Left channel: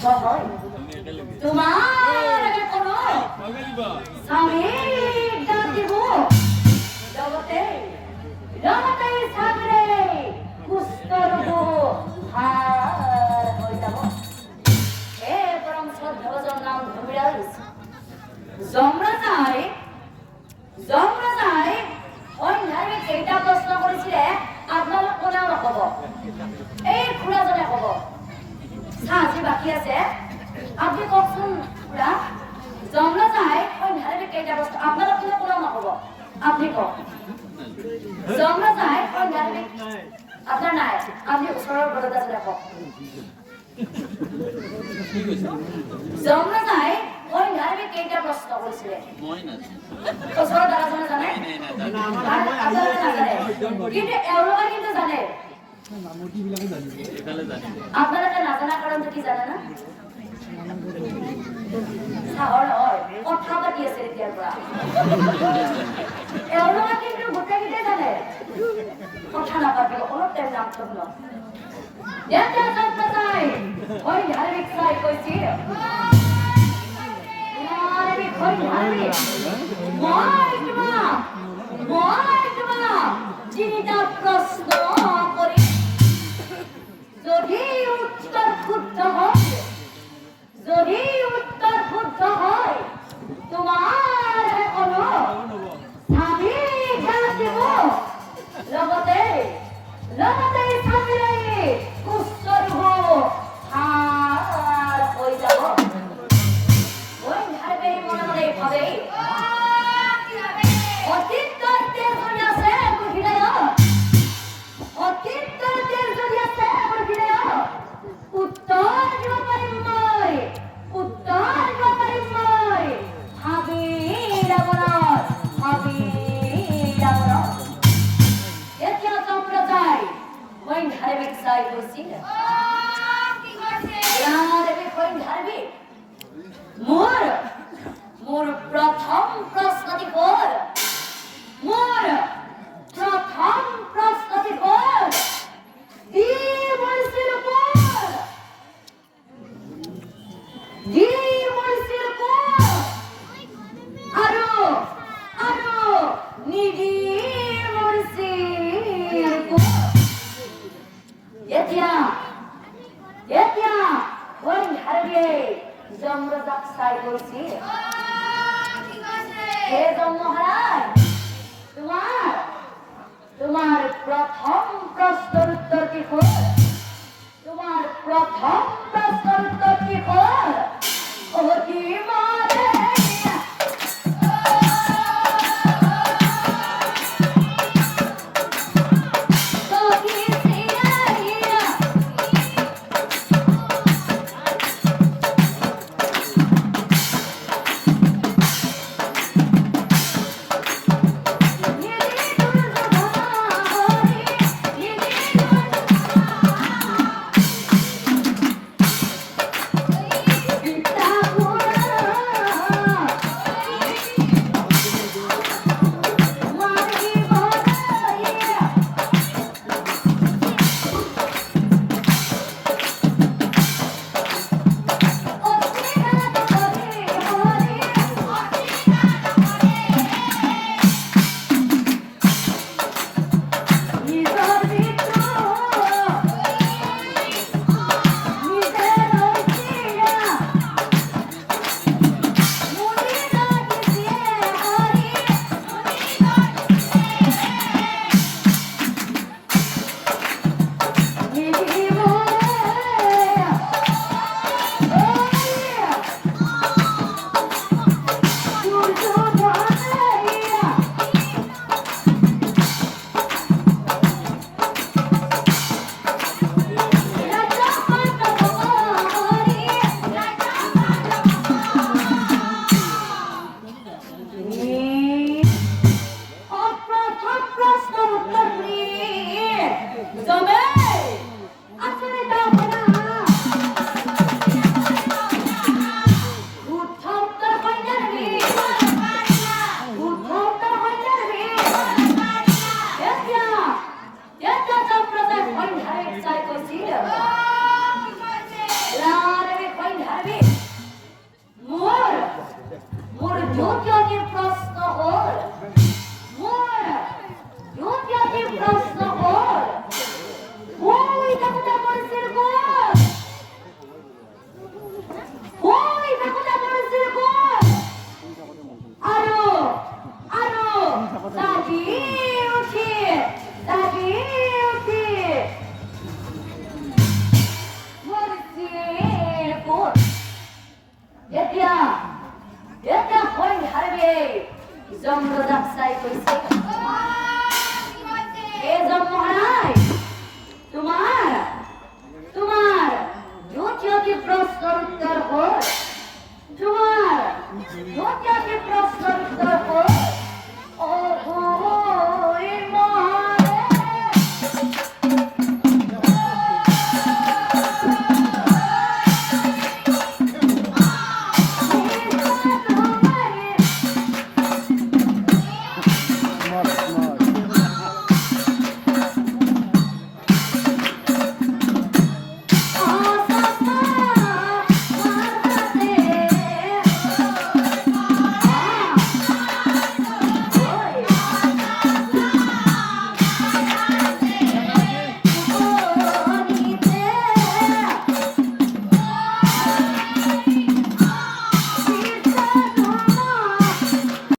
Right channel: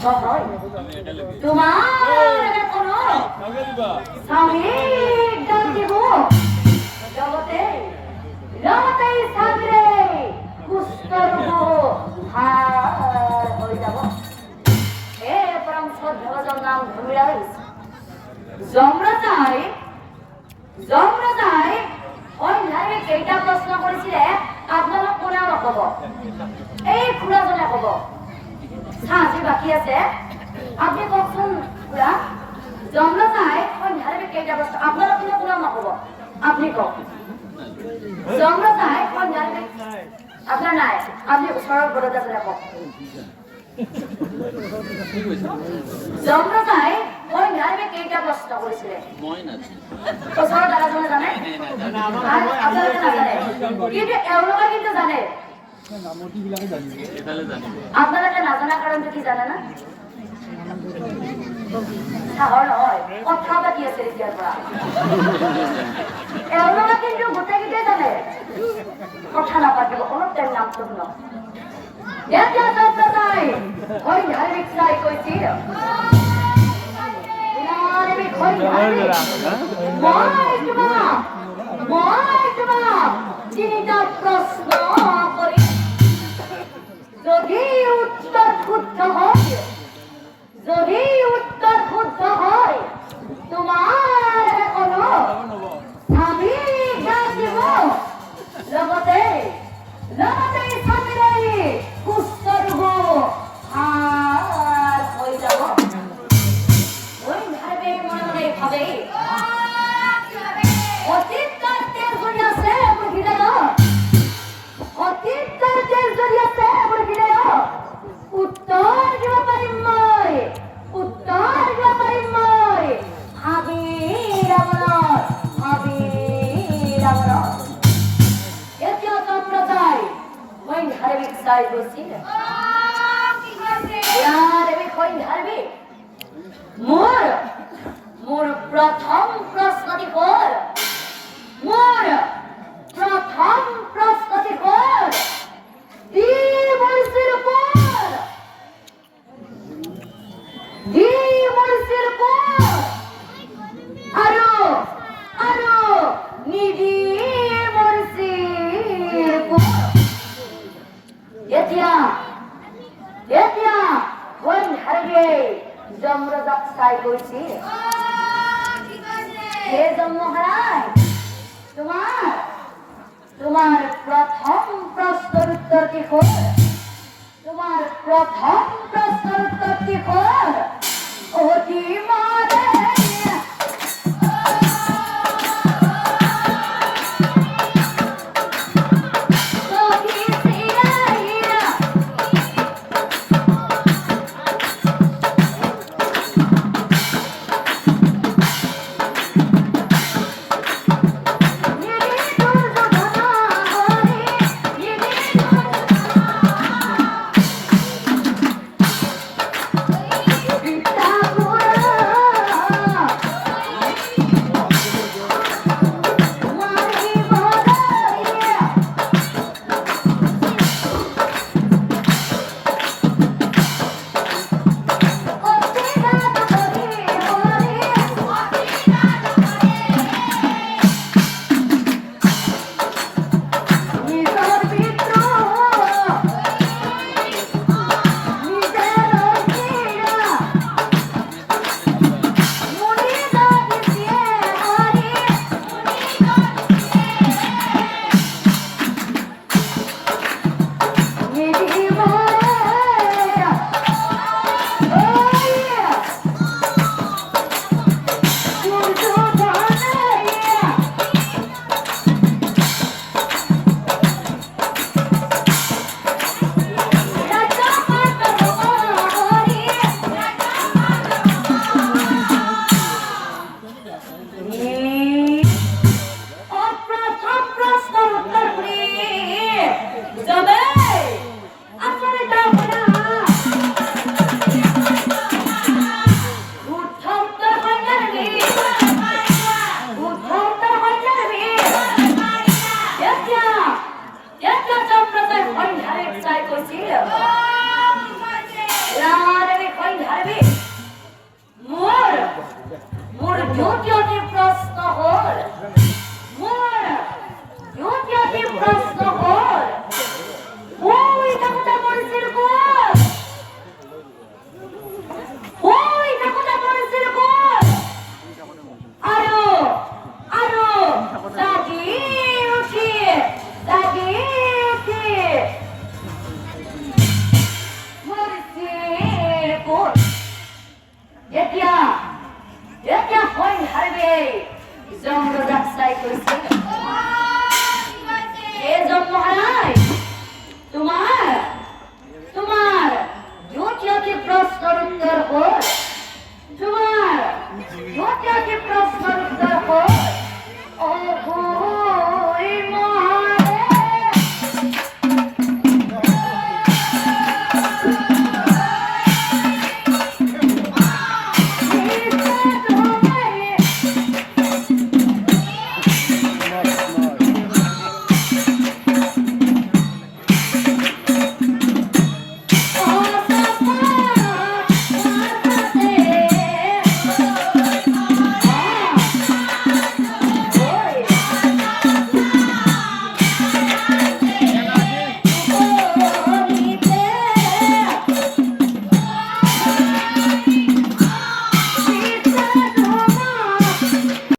হয় তোমাৰ কোনো স্বামীক দান দিব লগতে লগতে চাগৰে সুস্থ হৈ যাব এই পৰম শ্ৰদ্ধেয়ৰ নাম ঘূৰাই যমৰাজাই অন্যায় কেইটা প্ৰশ্ন কৰিছিলে আপোনালোক কোনে নকব এই খুৰাজনে কব সাজি বাকি আছে আপনি কখন পুরা জমলা যায় অন্যায় কেইটা প্রশ্ন আপনারা কোনে নকব আপনি কওক জমলা যায় অন্যায় আপনার নাই আপনি ওচৰৰ বৰদা জনে কওক জমলা যায় অন্যায় কেইটা প্ৰশ্ন কৰিছিলে মই নাজানো ওচৰৰ দাদাজনে জানে আপোনালোকে নাজানে কিন্তু এওঁলোকে কিন্তু জানে আপোনালোকে নাজানা কাৰণটো কি জানে না সাহৰ নহয় কথা পাতি আছে এতিয়াৰ পৰা এওঁলোকে কিন্তু গোটেইকেইটাই জানে কথা নাপাতিব অলপ টাইম নাম শুন এতিয়া যাত্ৰা যায় মই ধাৰ্মিক চাই কৈছি মই তোমাক তিনিটা প্ৰশ্ন কৰি যদি উত্তৰ শুদ্ধ হয় তোমাৰ কোনো স্বামী জ্ঞান দিব লগতে স্বামীৰে সুস্থ ৰূপ হৈ যাব মই ভাবে মনে মনে ভাবে অতীত তেজ হৈ আছে মোৰ হৃদয়ত অতীত তেজ হৈ আছে মোৰ হৃদয়ত উত্তৰ দিব পাৰিম মই এতিয়া তোমরা যাই মই ধার্মিক চাই গৈছিল মোৰ প্ৰথম প্ৰশ্নটি হ'ল জমৰাজাক চাই গৈছিল হে জমহাৰাজ তোমাৰ প্ৰথম প্ৰশ্নৰ উত্তৰটি হ'ল অতি মাৰে দ্বিতীয়টি প্ৰশ্ন হ'ল দ্বিতীয়টি প্ৰশ্ন হ'ল ওই কথা বলছিল কোন ওই কথা বলছিল কোন আরো আরো জাগিয়ে উঠি মরছিল কোন এতিয়া হৈ হারবে জন্ম যাত্রায় করেছে এ জন্ম হারায় তোমার দ্বিতীয়টি প্রশ্নের উত্তর